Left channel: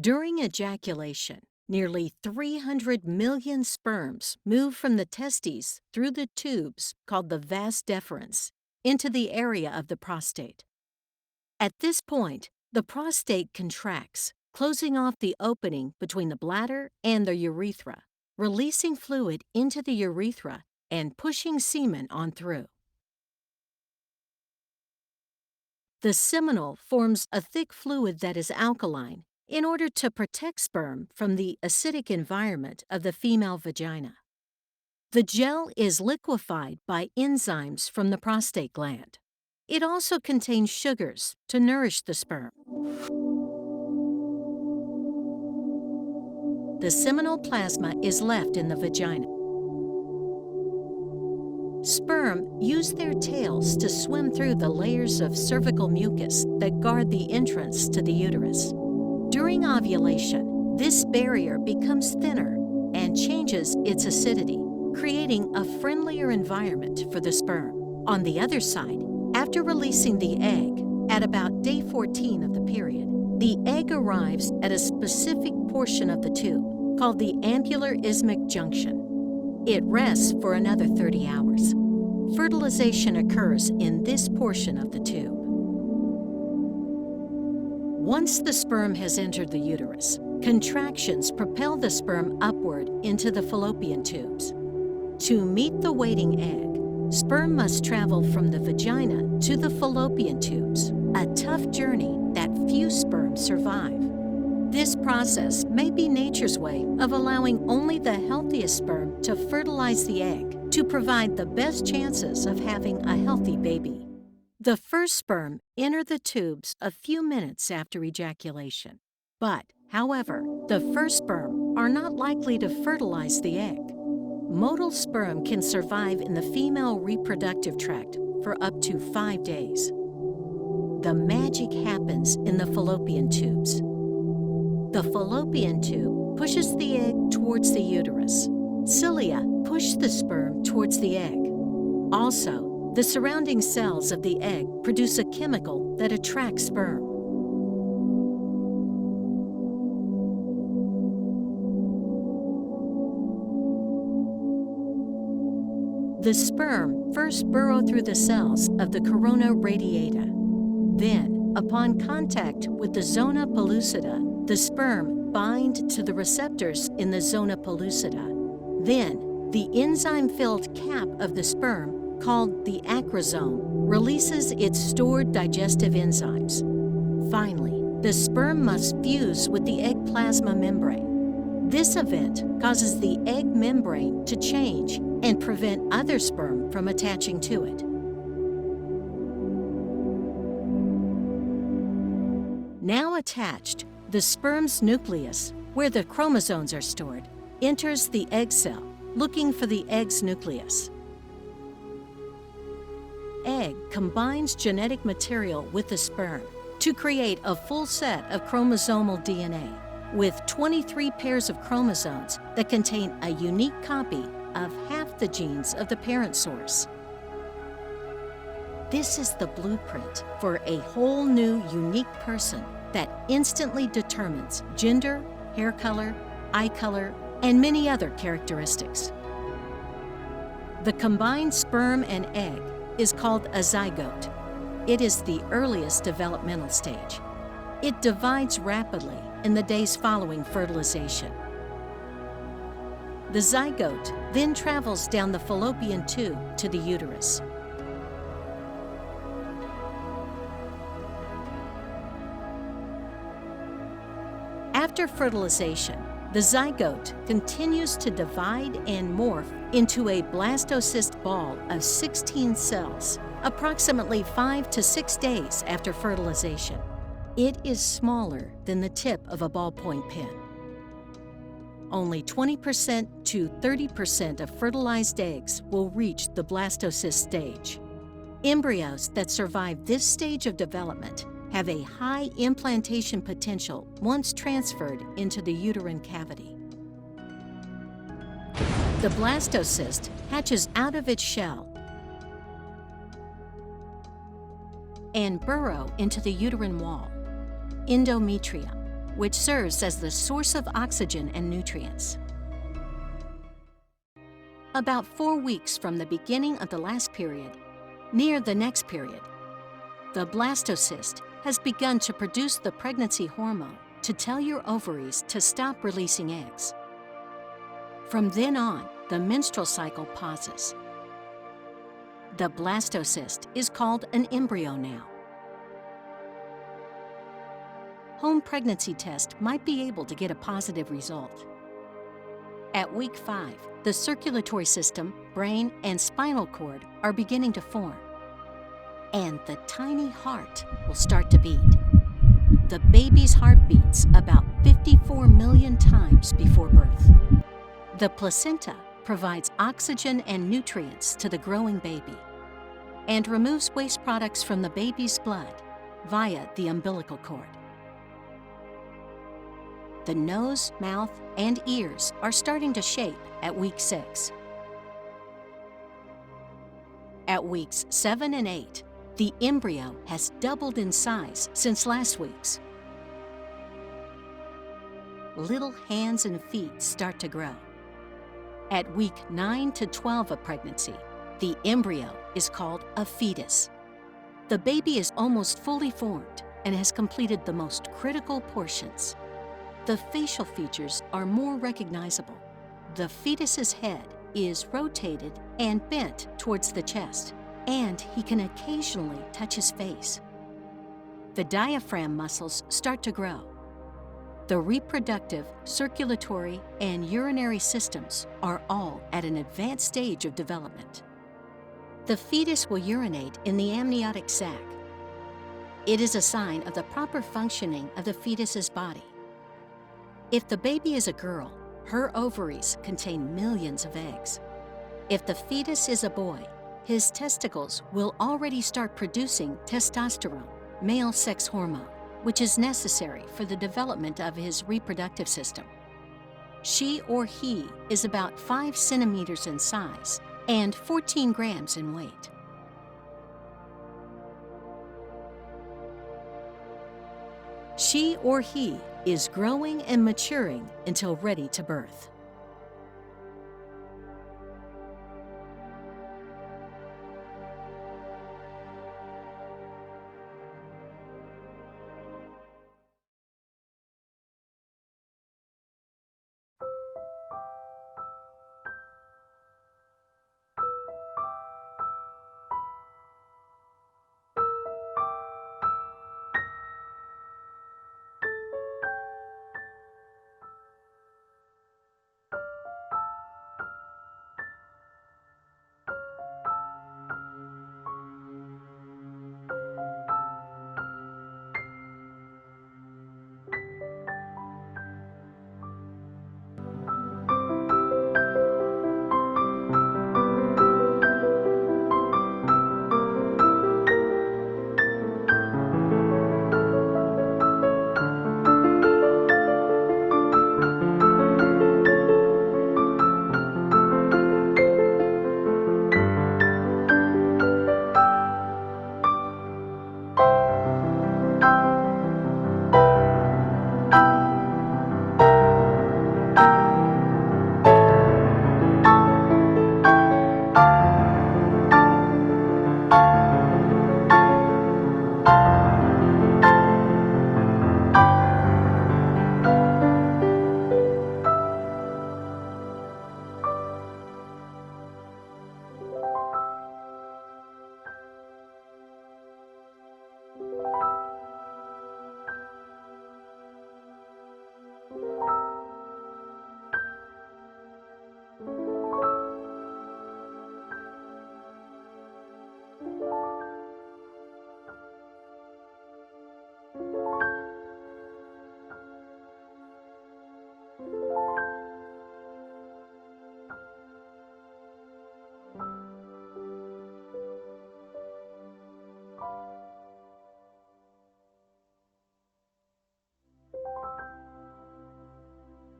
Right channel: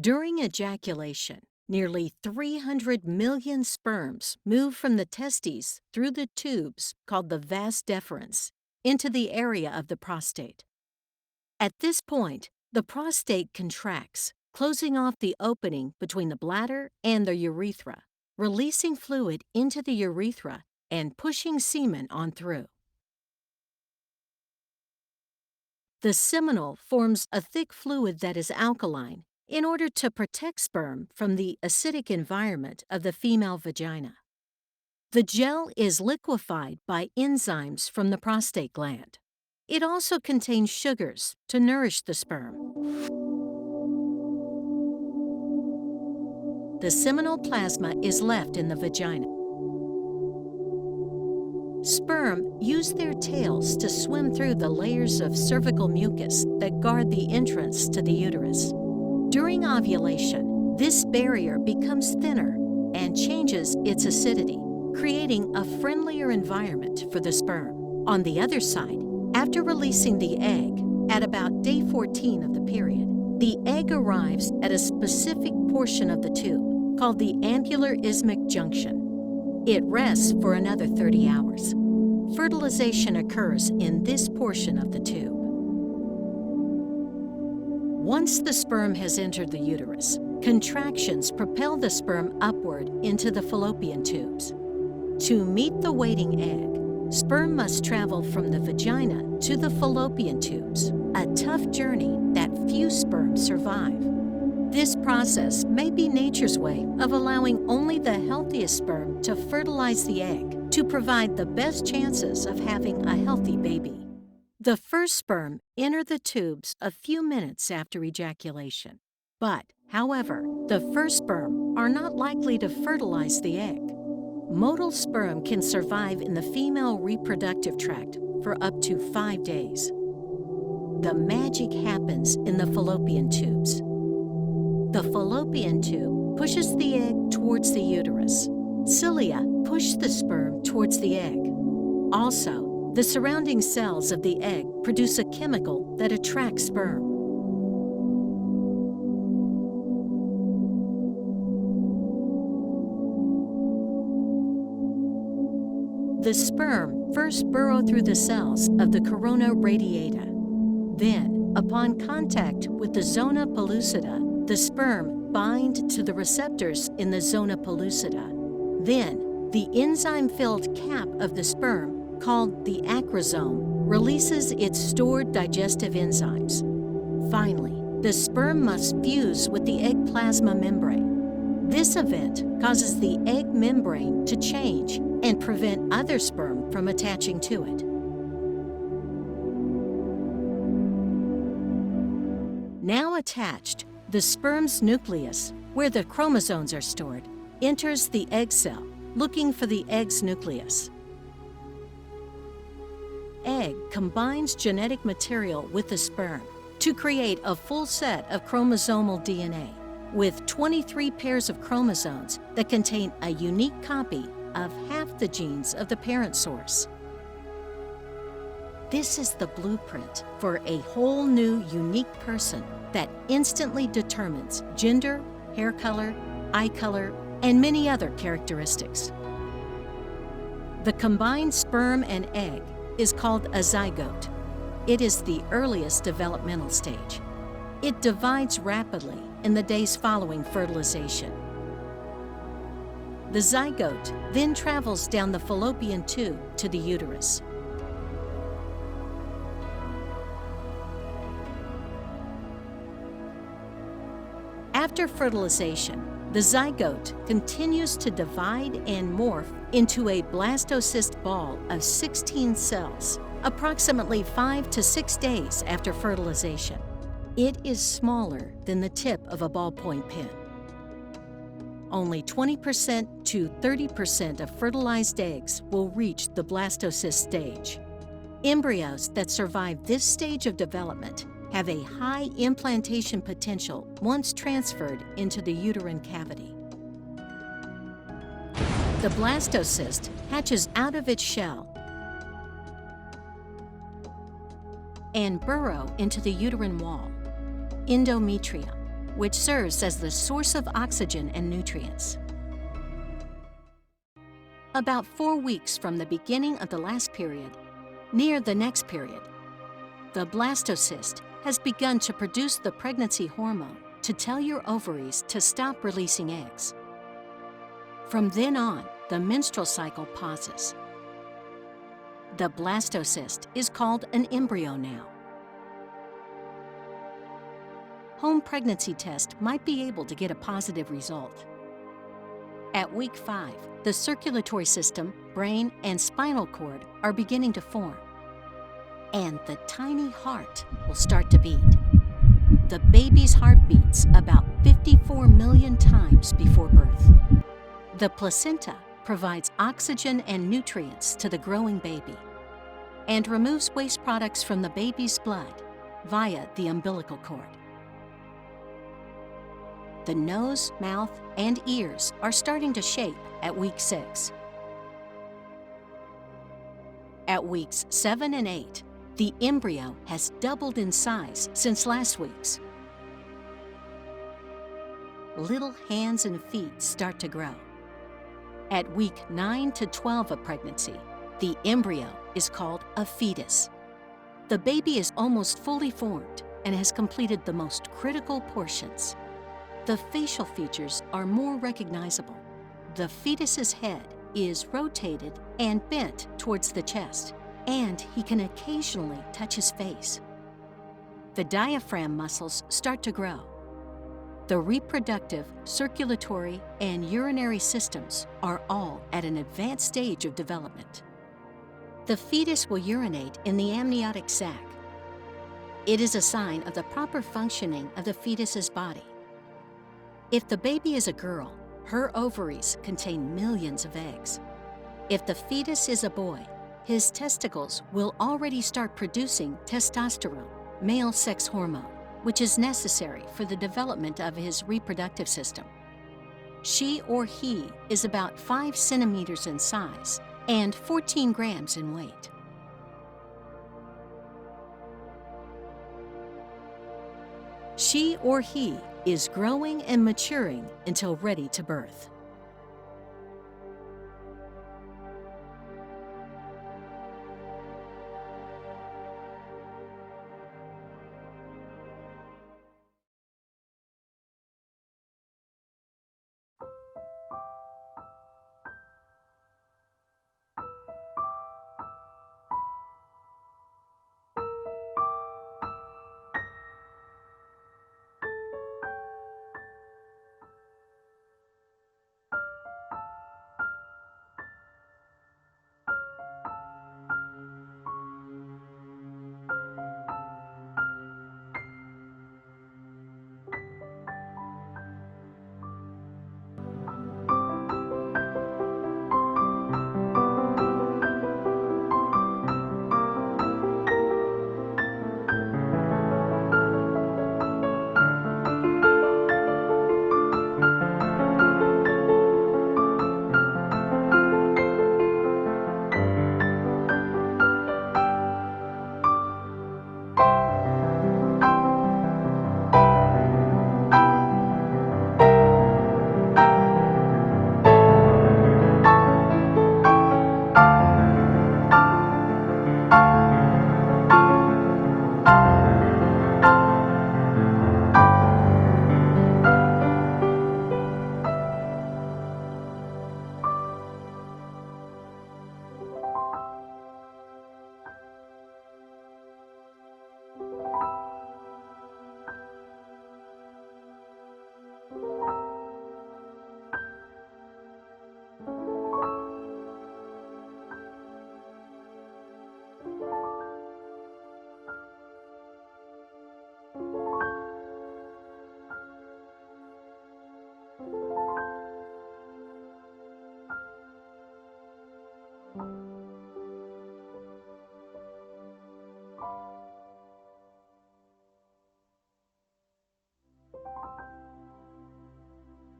During ejaculation, nearly 300 million sperms move from the testes through the tubes called the vas deferens into the area of the prostate. At this point, the prostate contracts, closing off the opening between the bladder and the urethra, releasing fluid into the urethra and pushing semen on through. The seminal forms a thick fluid that is alkaline in order to protect sperm from the acidic environment of the female vagina. The gel is liquefied by enzymes from the prostate gland. It also contains sugars to nourish the sperm. The seminal plasma is left in the vagina. Sperm use their tails to swim through the layers of cervical mucus that guard the entrance to the uterus. During ovulation, this barrier becomes thinner and changes its acidity, creating a friendlier environment for the sperm. On the other side, after releasing the egg, at about day 14 of the period, the egg arrives at a specific portion of the tube called the ampular isthmic junction. It rests for another 30 hours. Fertilization occurs in this portion of the tube. Once the sperm has entered the uterus, contractions propel the sperm upward into the fallopian tubes. To meet the waiting egg, sperm must travel from the vagina to the fallopian tubes, a tough journey that few sperm survive. This process may be nature's way of allowing only the healthiest sperm to fertilize the egg to provide the best chances of having a healthy baby. The first sperm enter the tubes a few minutes after ejaculation. However, the first sperm are not likely to fertilize the egg. Motile sperm can survive in the female reproductive tract for up to 5 days. The magic happens in the fallopian tubes. The fallopian tube pushes the egg towards the uterus. Cilia push the sperm towards the egg. Also, the surrounding cells of the egg produce a chemical that attracts sperm. The sperm first burrow through the cells of the corona radiata. Then, upon contact with the zona pellucida, the sperm bind to the receptors in the zona pellucida. Then, the enzyme-filled cap of the sperm, called the acrosome, releases its stored digestive enzymes. Finally, the sperm must fuse with the egg plasma membrane. This event causes the egg membrane to change and prevent other sperm from attaching to it. Now attached, the sperm's nucleus, where the chromosomes are stored, enters the egg cell, looking for the egg's nucleus. Egg combines genetic material with the sperm to create a full set of chromosomal DNA with 23 pairs of chromosomes that contain a unique copy of half the genes of the parent source. This is the blueprint for a whole new, unique person that instantly determines gender, hair color, eye color, and many other characteristics. The combined sperm and egg is called a zygote. It is the earliest developmental stage. It divides rapidly in the days following fertilization. The zygote then travels down the fallopian tube to the uterus. After fertilization, the zygote continues to divide and morph into a blastocyst ball of 16 cells, approximately 5 to 6 days after fertilization. It is smaller than the tip of a ballpoint pen. Only 20% to 30% of fertilized eggs will reach the blastocyst stage. Embryos that survive this stage of development have a high implantation potential once transferred into the uterine cavity. The blastocyst hatches out of its shell and burrow into the uterine wall, endometrium, which serves as the source of oxygen and nutrients. About 4 weeks from the beginning of the last period, near the next period, the blastocyst has begun to produce the pregnancy hormone to tell your ovaries to stop releasing eggs. From then on, the menstrual cycle pauses. The blastocyst is called an embryo now. Home pregnancy test might be able to get a positive result. At week 5, the circulatory system, brain, and spinal cord are beginning to form, and the tiny heart will start to beat. The baby's heart beats about 54 million times before birth. The placenta provides oxygen and nutrients to the growing baby and removes waste products from the baby's blood via the umbilical cord. The nose, mouth, and ears are starting to shape at week 6. At weeks 7 and 8, the embryo has doubled in size since last week's. Little hands and feet start to grow. At week 9 to 12 of pregnancy, the embryo is called a fetus. The baby is almost fully formed and has completed the most critical portions. The facial features are more recognizable. The fetus's head is rotated and bent towards the chest, and he can occasionally touch his face. The diaphragm muscles start to grow. The reproductive, circulatory, and urinary systems are all at an advanced stage of development. The fetus will urinate in the amniotic sac. It is a sign of the proper functioning of the fetus's body. If the baby is a girl, her ovaries contain millions of eggs. If the fetus is a boy, his testicles will already start producing testosterone, male sex hormone, which is necessary for the development of his reproductive system. She or he is about 5 centimeters in size and 14 grams in weight. She or he is growing and maturing until ready to birth.